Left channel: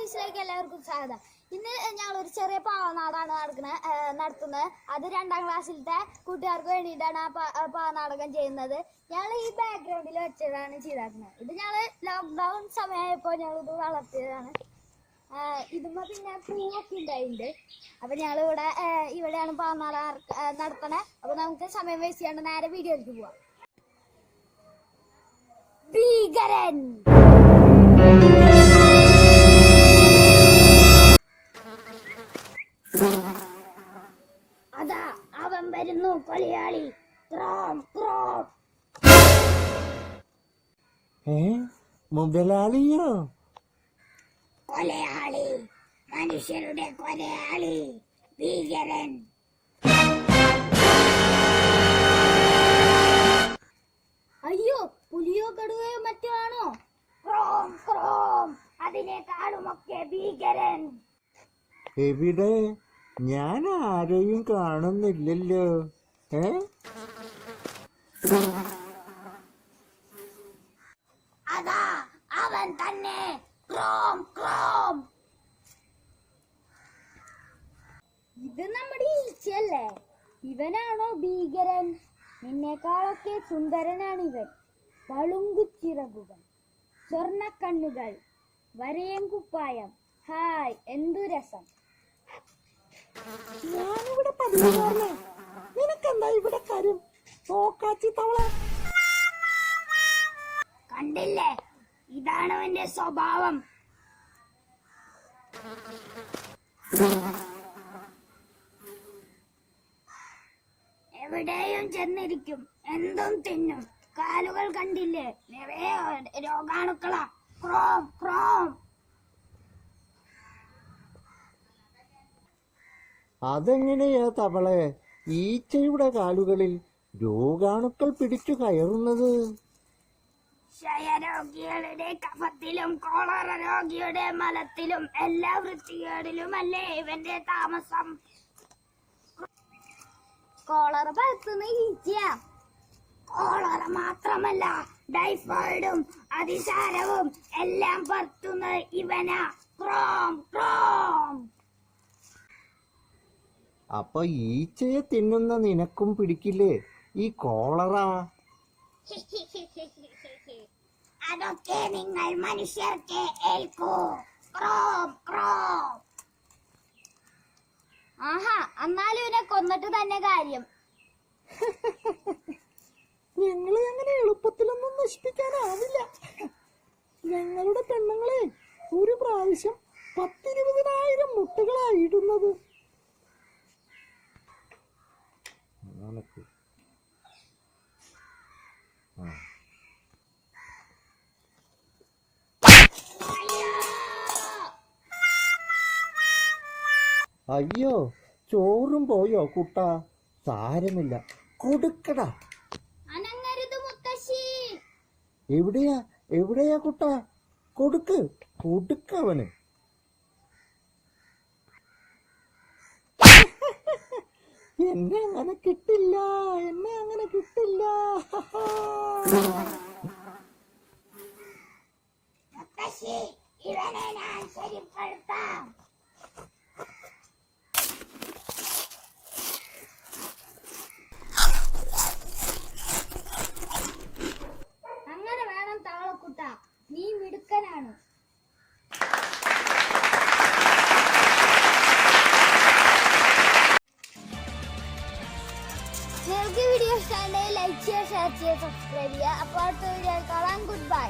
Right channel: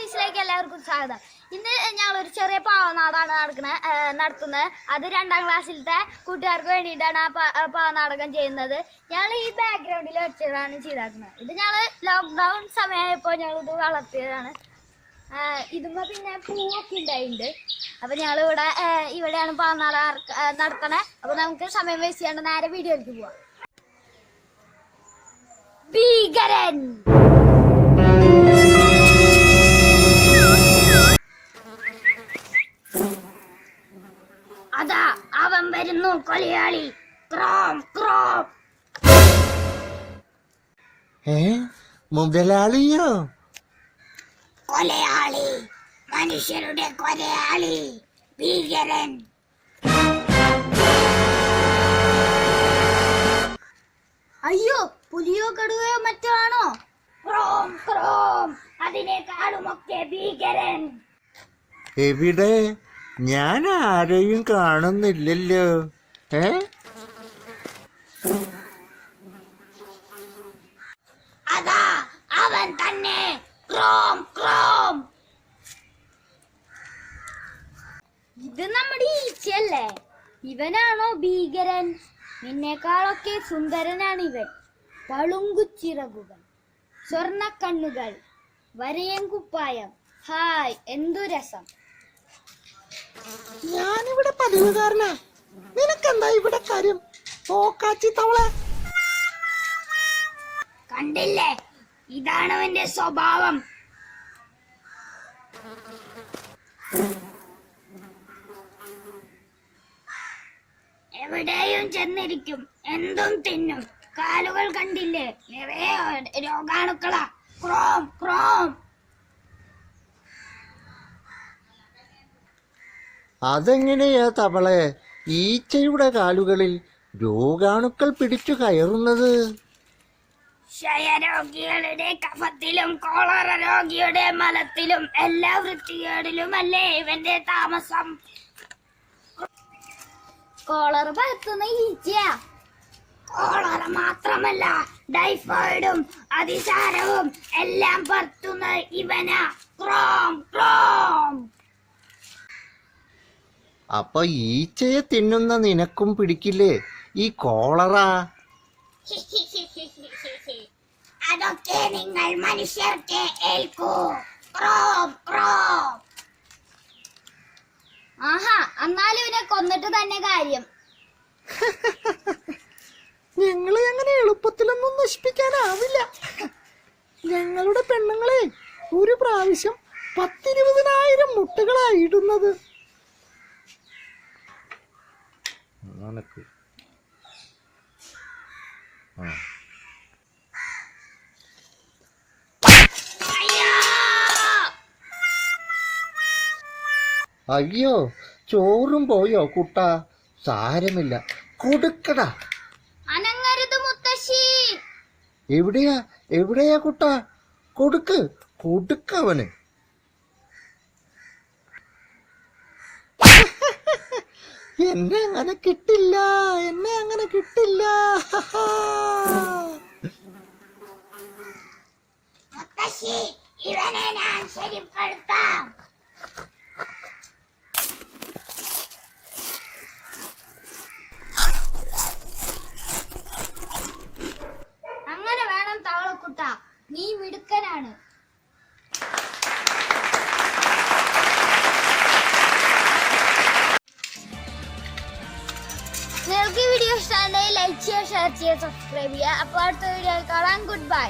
നോട്ടീസിലേക്ക് എല്ലാവർക്കും സ്വാഗതം. ഇന്ന് ഞങ്ങൾ ഒരു ചെറിയ പാവനാടാണ് നടക്കുന്നത് നടത്തുന്നത്. അത് രണ്ടാം ക്ലാസ്സിലത്തെ കൂട്ടുകാർക്ക് വേണ്ടിയിട്ടാണ് ആ പാവനാടകം ചെയ്യുന്നത്. ഞങ്ങൾ ഈ ബാക്ക്ഗ്രൗണ്ടിൽ വെച്ചതാണ് ചെയ്താക്കുന്നത്. ഇത് ഞങ്ങൾ ലോക്ക്ഡൗൺ സമയമായപ്പോൾ ഞങ്ങൾ ഇത് വളർത്തിയതാണ് ഇതുമ്പോൾ പിന്നെ പൂവൊക്കെ ഉണ്ടായിട്ടുണ്ട്. അപ്പോൾ ഞങ്ങൾ ഇവിടെ ഇവിടെയാണ് പാവനാട നടത്തണേ അപ്പോൾ നമുക്ക് സമയം വേസ്റ്റ് ചെയ്യേണ്ട നേരെ വീഡിയോയിലേക്ക് പോവാം. ഭീകരൻ! കൊലയാളി ക്രോം ക്രോം. ഏ? മുതലാളിയോ? കൊലയാളി. മനുഷ്യരുടെ കൊലയാളി. ഭീകരൻ. അയ്യോ പുലിയോ കടുവയോ മറ്റോ ആണോ? Chrome Chrome. അതിനേക്കാളുമൊക്കെ ഭീകരൻ. എവിടെ? ഞാൻ ആരെയും കാണുന്നില്ലല്ലോ. ഏ? അതാ അവൻ തന്നെ. ക്രോം ക്രോം. ഇത് നമ്മുടെ ഈച്ചയല്ലേ? ഇവനാണോ ഭീകരൻ? നിന്നേക്കാളൊക്കെ സുന്ദരനാണ് ഇവൻ. പളുങ്കുച്ചിറകുകൾ സ്വർണ കണ്ണുകൾ വരയം കുപ്പായം ഹായ് എന്തു രസം. ഞാനിവിടെ പതിവുകാരനാ. കാര്യം ഓക്കാച്ചി തവള. കണ്ടില്ലേ? ഇതാണ് അവന്റെ സ്വഭാവം. എവിടെയും ചെന്നിരിക്കും. എന്തും തിന്നും. കാലുകൾ കണ്ടില്ലേ? നിറയെ രോഗാണുക്കളാ. Chrome Chrome. അതെങ്ങനെയാ തവളെ? ഈച്ചയുടെ കാലുകളിൽ രോഗാണുക്കൾ പിടിച്ചു കയറുന്നത്. ക്ഷയരോഗികളുടെ കഫത്തിലും കോളറ രോഗിയുടെ മലത്തിലും എല്ലാ വൃത്തികേടിലുമല്ലേ ഇവന്റെ താമസം? കോളറ പരത്തുന്ന ഈച്ച കോളറ മാത്രമല്ല ടൈഫോയിഡും അതിസാരവും എല്ലാം പരത്തുന്ന ഇവനാ. ക്രോം ക്രോം. അപ്പൊ ഈച്ചയെ തിന്നുന്ന നിനക്കും പിടിക്കില്ലേ? ഈ കോളറ. അതൊക്കെ നിങ്ങൾ മനുഷ്യർക്ക് ഏൽക്കൂ. Chrome Chrome. ആഹാ എന്നാലും ഇവനെ കൊന്നിട്ട് തന്നെ കാര്യം. ഞങ്ങളെ അങ്ങനെ എളുപ്പത്തിലൊന്നും നശിപ്പിക്കാനാവില്ല. ഞങ്ങളുടെ പെണ്ണുങ്ങളെ ഒരു പ്രാവശ്യം പത്തിരുപതിനായിരം അയ്യോ ചോറും പോയോ കുട്ട? സാരമില്ല. കൊടുക്കടാ. അനങ്ങരുത് മുത്തശ്ശി. എവിടെയാ? എവിടെയാ കുട്ട? കൊടുക്ക്. കൊടുക്കവന് എന്നെ അങ്ങനെ കിട്ടില്ല എന്നെ അങ്ങനെ കിട്ടില്ല. അങ്ങനെ വേണം തവളക്കുട്ട നീ മിടുക്കനാണ്. വീഡിയോ ഇഷ്ടമാണെങ്കിൽ ലൈക്ക് ചെയ്യുക ഷെയർ ചെയ്യുക സബ്സ്ക്രൈബ് ചെയ്യുക. അപ്പോൾ അടുത്ത വീഡിയോ കാണാം. Good bye